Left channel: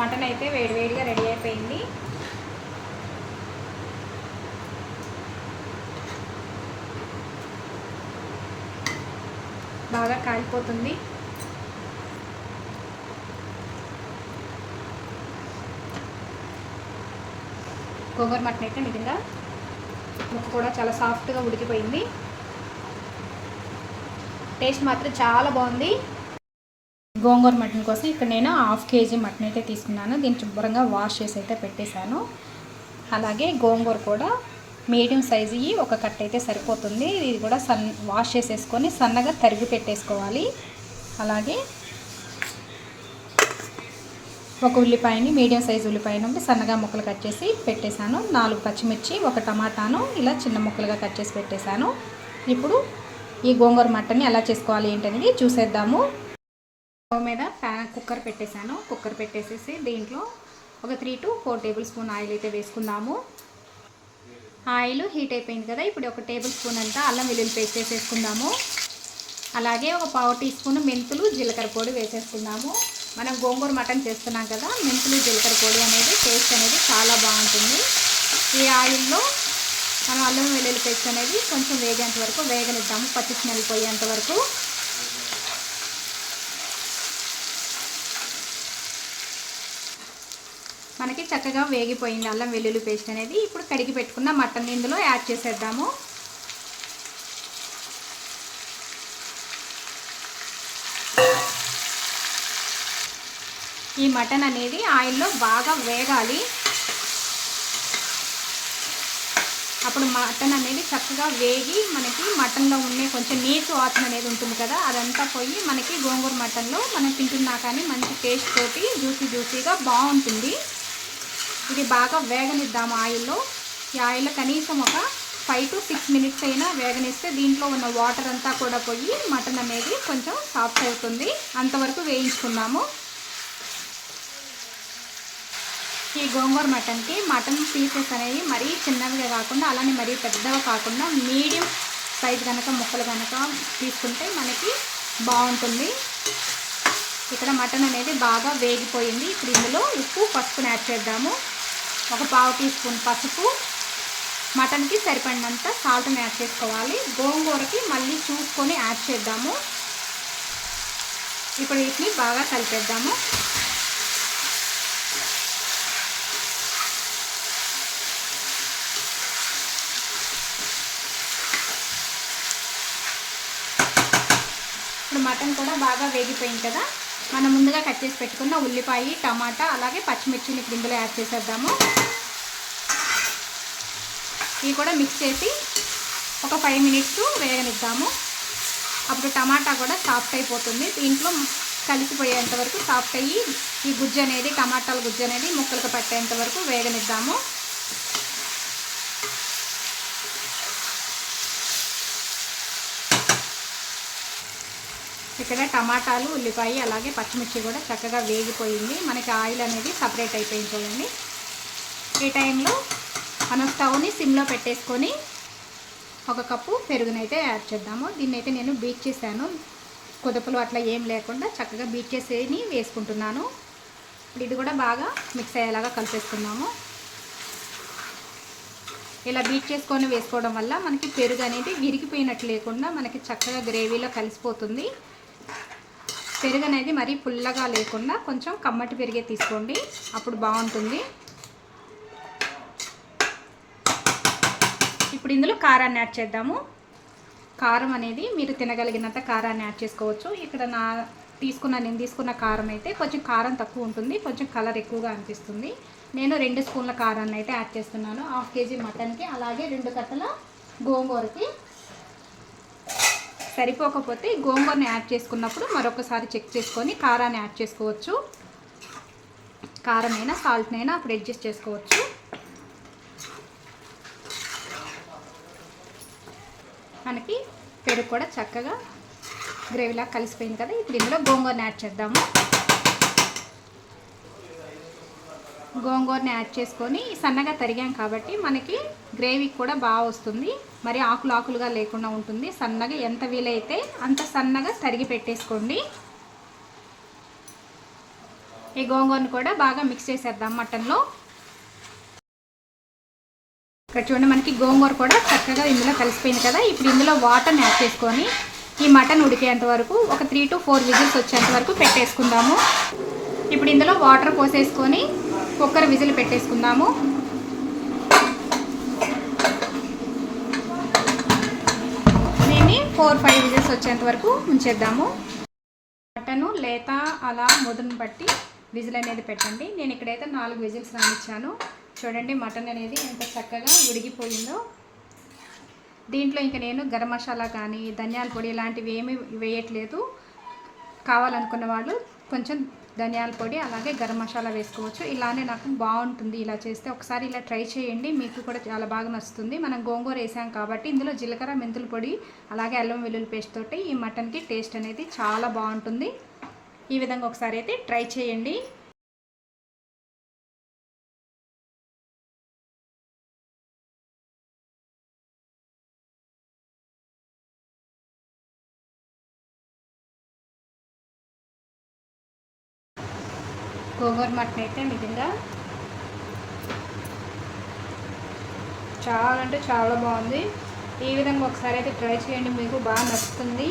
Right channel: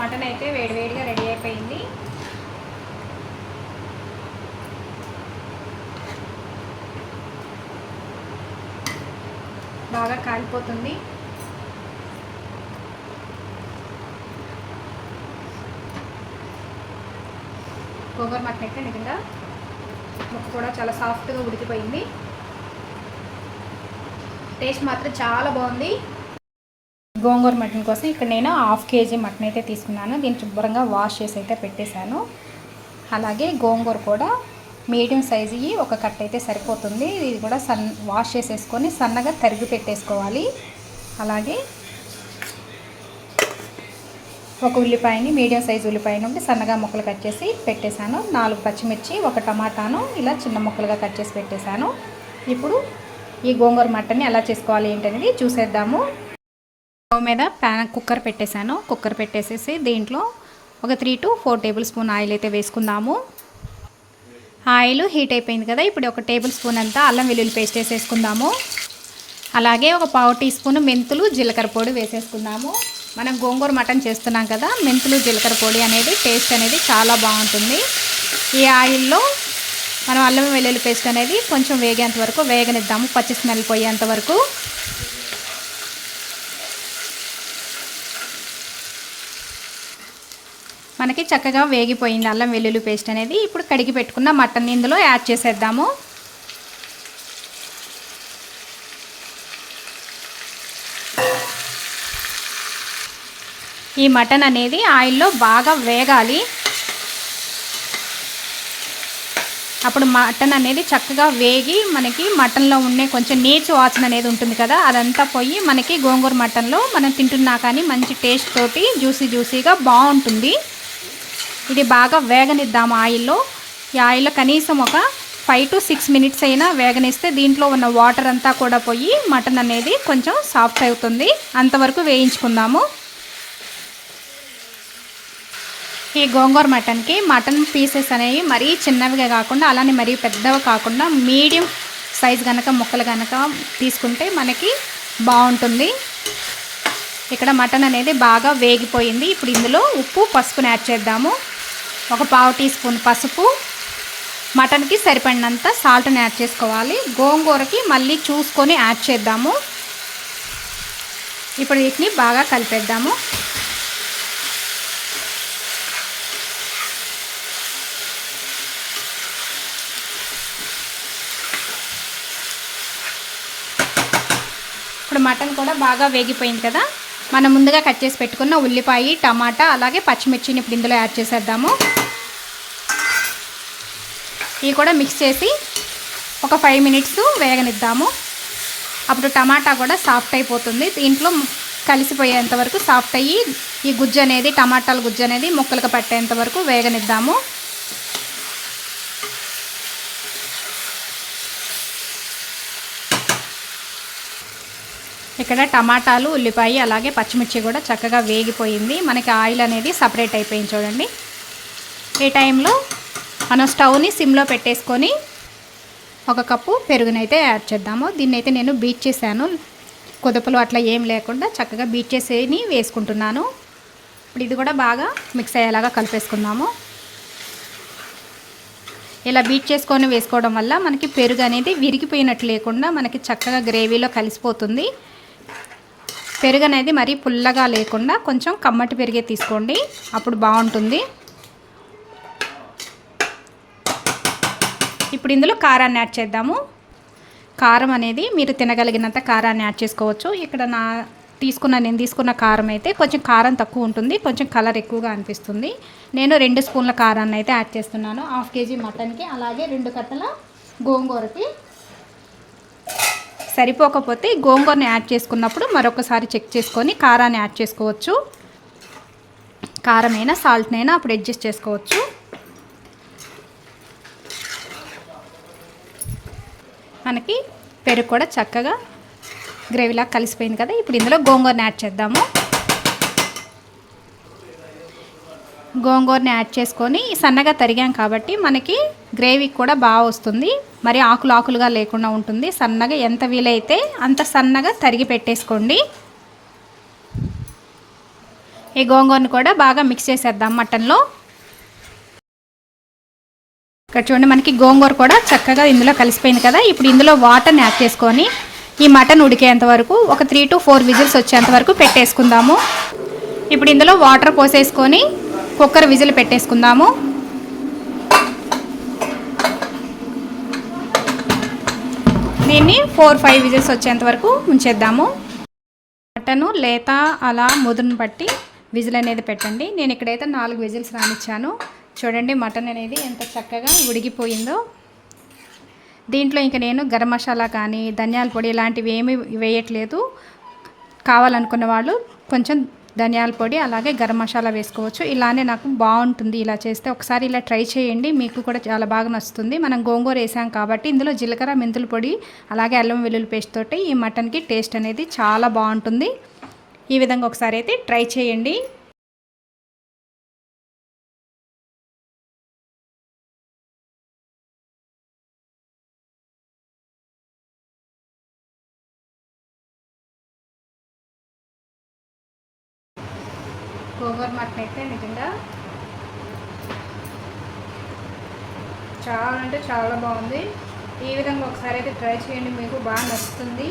Mutton అయితే వేడివేడిగా ready అయిపోయింది. బాగా కాలిపోతుంది. గోంగూర మటన్ అయితే నిజంగా ముక్క కూడా చాలా సాఫ్ట్గా ఉడికిపోయింది. టేస్ట్ మాత్రం చాలా బాగుంది. గోంగూర మటన్ కోసం ఇక్కడ నేను హాఫ్ కేజీ మటన్ అయితే తీసుకున్నాను. దీన్ని శుభ్రంగా వాష్ చేసి అయితే పెట్టేశాను. అలాగే గోంగూర కూడా మీడియం సైజు ఒక కట్ అయితే సరిపోతుంది. ఇది కూడా సన్ వాష్ చేసేసుకొని సన్నగా తరిగి పెట్టేసుకోవాలి. అలాగే ఒక ఉల్లిపాయని మీడియం సైజు ఉల్లిపాయ నుండి సన్నగా ముక్కలు కట్ చేసి పెట్టేశాను. నాలుగు పచ్చిమిర్చి ఒక టమాటాను ఇలా చిన్న ముక్కలుగా కట్ చేసి పెట్టేశాను. ఇప్పుడు ఈ గోంగూర మటన్ని ఎలా చేసుకోవాలి ఏంటనేది చూసేద్దాము. స్టవ్ మీద ప్యాన్ కుక్కర్ పెట్టేశాను. కుక్కర్ పెట్టేసేసి దీంట్లో ఒక three to four tablespoon oil అయితే వేసుకుందాము. ఆయిల్ హీట్ అయిపోయింది కదా ఇప్పుడు ఒక టేబుల్ స్పూన్ అంతా అల్లం వెల్లుల్లి పేస్ట్ వేసేసుకుందాము. అలాగే ఒక పావు టీ స్పూన్ మెంతులు జీలకర్ర పొడి వేసేసుకుందాము. మనం గోంగూర మటన్ చేస్తున్నాం కదా మెంతులు జీలకర్ర పొడి అనేది టేస్ట్ అనేది చాలా బాగుంటుంది. ఈ ఆయిల్లో మనం అల్లం వెల్లుల్లి పేస్ట్ అనేది కొంచెం వేగేంత వరకు వేగనిద్దాము పచ్చి స్మెల్ పోయేంత వరకు. మనకి చక్కగా వేగిపోయింది అల్లం వెల్లుల్లి పేస్ట్ అనేది. ఇప్పుడు కడిగి పెట్టుకున్న మటన్ ఇందులో యాడ్ చేసేద్దాము. ఈ మటన్ అనేది ఆయిల్లో బాగా వేగాలి. అప్పుడు మటన్ అనేది చక్కగా వేగి మనకి మటన్లో ఉండే కొంచెం నీచు వాసన అనేది ఉంటుంది కదా అదంతా పోయి మనకి గోంగూర మటన్లో మనం తింటున్నా కానీ మంచి టేస్ట్ తోటి జ్యూసీ జ్యూసీగా బాగుంటుంది. ఇది బాగా వేగనిద్దాము ఆయిల్లో. ఈ ఆయిల్లో కనీసం ఒక ఫైవ్ టు సిక్స్ మినిట్స్ అయినా వేగనిస్తే దీంట్లో ఉన్న వాటర్ అంతా కూడా పోయి మటన్ అనేది కొంచెం సాఫ్ట్ అవుతుంది. అంతవరకు వేయించుకుందాము. ఈ గోంగూర మటన్కి మటన్ పీసెస్ అనేవి మరీ చిన్నవిగా కాకుండా అలానే మరీ పెద్దవి కాకుండా మీడియం సైజ్ కనుక ముక్కలు కనుక తీసుకుంటే మనకి బాగుంటుంది. ఇక్కడ మటన్ అనేది బాగా వేగిపోయింది. ఇప్పుడు ఇందులో ఉప్పు పసుపుని యాడ్ చేద్దాము. ఒక పావు టీ స్పూన్ పసుపు. మటన్కి సరిపడినంత సాల్ట్ని యాడ్ చేసుకోవాలి. గోంగూరకి మళ్ళీ చూసుకొని యాడ్ చేద్దాము. ఇప్పుడు వీటిని బాగా కలిపేద్దాము. ఇప్పుడు మటన్ కూడా బాగా వేగిపోయింది కదా? మనం ముందుగా కట్ చేసి పెట్టుకున్న ఉల్లిపాయ టమాటా అలాగే పచ్చిమిర్చిని ఇప్పుడు ఇందులో యాడ్ చేసేద్దాము. ఇవి కూడా మిక్స్ చేసి ఒక ఫైవ్ మినిట్స్ వేగనిద్దాము. అప్పుడు టమాటా కూడా సాఫ్ట్ అయిపోతుంది. దీంట్లో కలిసిపోయేంత వరకు సాఫ్ట్ అయ్యి ఈ గుజ్జు అనేది టమాటాల గుజ్జు అనేది ముక్కలకు పట్టేంత వరకు వేగనిద్దాము. ఇక్కడ టమాటాలు ఉల్లిపాయ అలాగే పచ్చిమిర్చి కూడా చక్కగా వేగిపోయింది. మనకి ఆయిల్ అనేది సపరేట్ అయిపోయింది చూడండి. ఈ టైంలో మనం స్టవ్ని సిమ్లో పెట్టేసుకొని ఒక కప్పు పెరుగునైతే యాడ్ చేద్దాము. దీన్నైతే నేను బీట్ చేశాను. కుదపలు అట్లా ఏం లేకుండా చక్కగా బీట్ చేసేని వేసుకుంటున్నాను. ఇప్పుడు ఇది కూడా బాగా మిక్స్ అయ్యేలాగా కలిపేసుకుందాము. ఇలా బీట్ చేసుకొని వేసుకోవడం వల్ల మనకి పెరుగు అనేది విరిగిపోయినట్టు లేకుండా మనకి చక్కగా గ్రేవీలో కలిసిపోతుంది. పెరుగు అనేది మరీ పుల్లగా లేకుండా కొంచెం కమ్మటి పెరిగే తీసుకోండి. అప్పుడు బాగుంటుంది. ఇప్పుడు ఇందులో కారాన్ని యాడ్ చేద్దాము. కారం అనేది మీరు తినగలిగినంత కారాన్ని యాడ్ చేసుకోవచ్చు. ఇక్కడ నా తీసుకున్న నేను తీసుకున్న కారం అయితే కొంచెం కారం తక్కువ ఉంటుంది. కొంచెం కలర్ ఎక్కువగా అనిపిస్తుంది. నేను రెండు స్పూన్ల కారాన్ని అయితే యాడ్ చేస్తున్నాను. హాఫ్ కేజీ మటన్కి అలాగే రెండు కట్టల గోంగూరకి సరిపోకపోతే గోంగూరని యాడ్ చేసుకున్నప్పుడు మరొకసారి చెక్ చేసుకొని కారాన్ని యాడ్ చేసుకోవచ్చు. కారమైనా సాల్ట్నైనా అప్పుడు అడ్జస్ట్ చేసుకోవచ్చు. మనకి పెరుగు కూడా చక్కగా గ్రేవీలా కలిసిపోయింది కదా. ఇప్పుడు ఇందులో గోంగూరని యాడ్ చేద్దాము. గోంగూరని యాడ్ చేసుకొని సన్నగా తరిగాం కాబట్టి మనకి గ్రేవీ కూడా బాగా వస్తుంది. మరి ఆకులు ఆకులుగా లేకుండా ఉంటుంది. సన్నగా ఎంత వీలైతే అంత సన్నగా తరిగి పెట్టేసుకోండి. ఈ గోంగూరను కూడా బాగా మిక్స్ చేసేద్దాం మటన్లో. ఇక్కడ చూడండి మనకి గోంగూర కూడా చక్కగా ఇందులో కలిసిపోయింది కదా. ఇప్పుడు ఇందులో వాటర్ని యాడ్ చేసుకొని ఈ మటన్ ఉడికేంత వరకు ఒక త్రీ టు ఫోర్ విజిల్స్ వచ్చేంత వరకు పెట్టేసుకుందాము. ఇప్పుడు ఇందులో వాటర్ పోసేసుకొని కుక్కర్ విజిల్ పెట్టేసుకుందాము. దీన్ని ఫోర్ ఫైవ్ విజిల్స్ వచ్చేంత వరకు ఉంచేద్దాము. మటను లేత అలా ముదురును బట్టి విజిల్ అనేది పెట్టండి. నేను ఇక్కడైతే నాలుగు విజిల్స్ రానిచ్చాను. చూడండి మటన్ అనేది ఎంత చక్కగా ఉడిగిపోయిందో దీంట్లో ఇంకా నేను గరం మసాలా కానీ ధనియాల పొడి ఇలాంటివి ఏమీ వేయట్లేదు. కావాలనుకున్న వాళ్ళు కొంచెం ధనియాల పొడి అలాగే గరం మసాలా వేసుకోవచ్చు. ఇలానే నాకు బాగుంటుంది. ఇలా చేస్తే ఒకసారి ఇలా ట్రై చేయండి. మీకు కూడా చాలా బాగా నచ్చుతుంది. మనం గోంగూర వేసాం కాబట్టి ఇందులో జీలకర్ర మెంతుల పొడి అలాగే అల్లం వెల్లుల్లి పేస్ట్ తోటి ఈ మటన్కి టేస్ట్ అనేది చాలా బాగుంటుంది. ఈ విధంగా ఒకసారి అయితే ట్రై చేయండి. గోంగూర మటన్ అయితే నిజంగా చాలా అంటే చాలా బాగుంది. ఈ విధంగా ఒకసారి అయితే ట్రై చేయండి మీకు బాగా నచ్చుతుంది.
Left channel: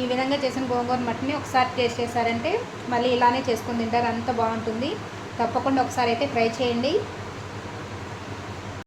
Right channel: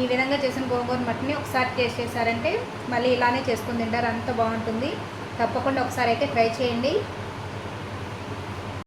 ఈ విధంగా చేసిన గోంగూర మటన్ని ఒకసారి టేస్ట్ చేశారంటే మళ్ళీ ఇలానే చేసుకుని తింటారు అంత బాగుంటుంది. తప్పకుండా ఒకసారి అయితే ట్రై చేయండి.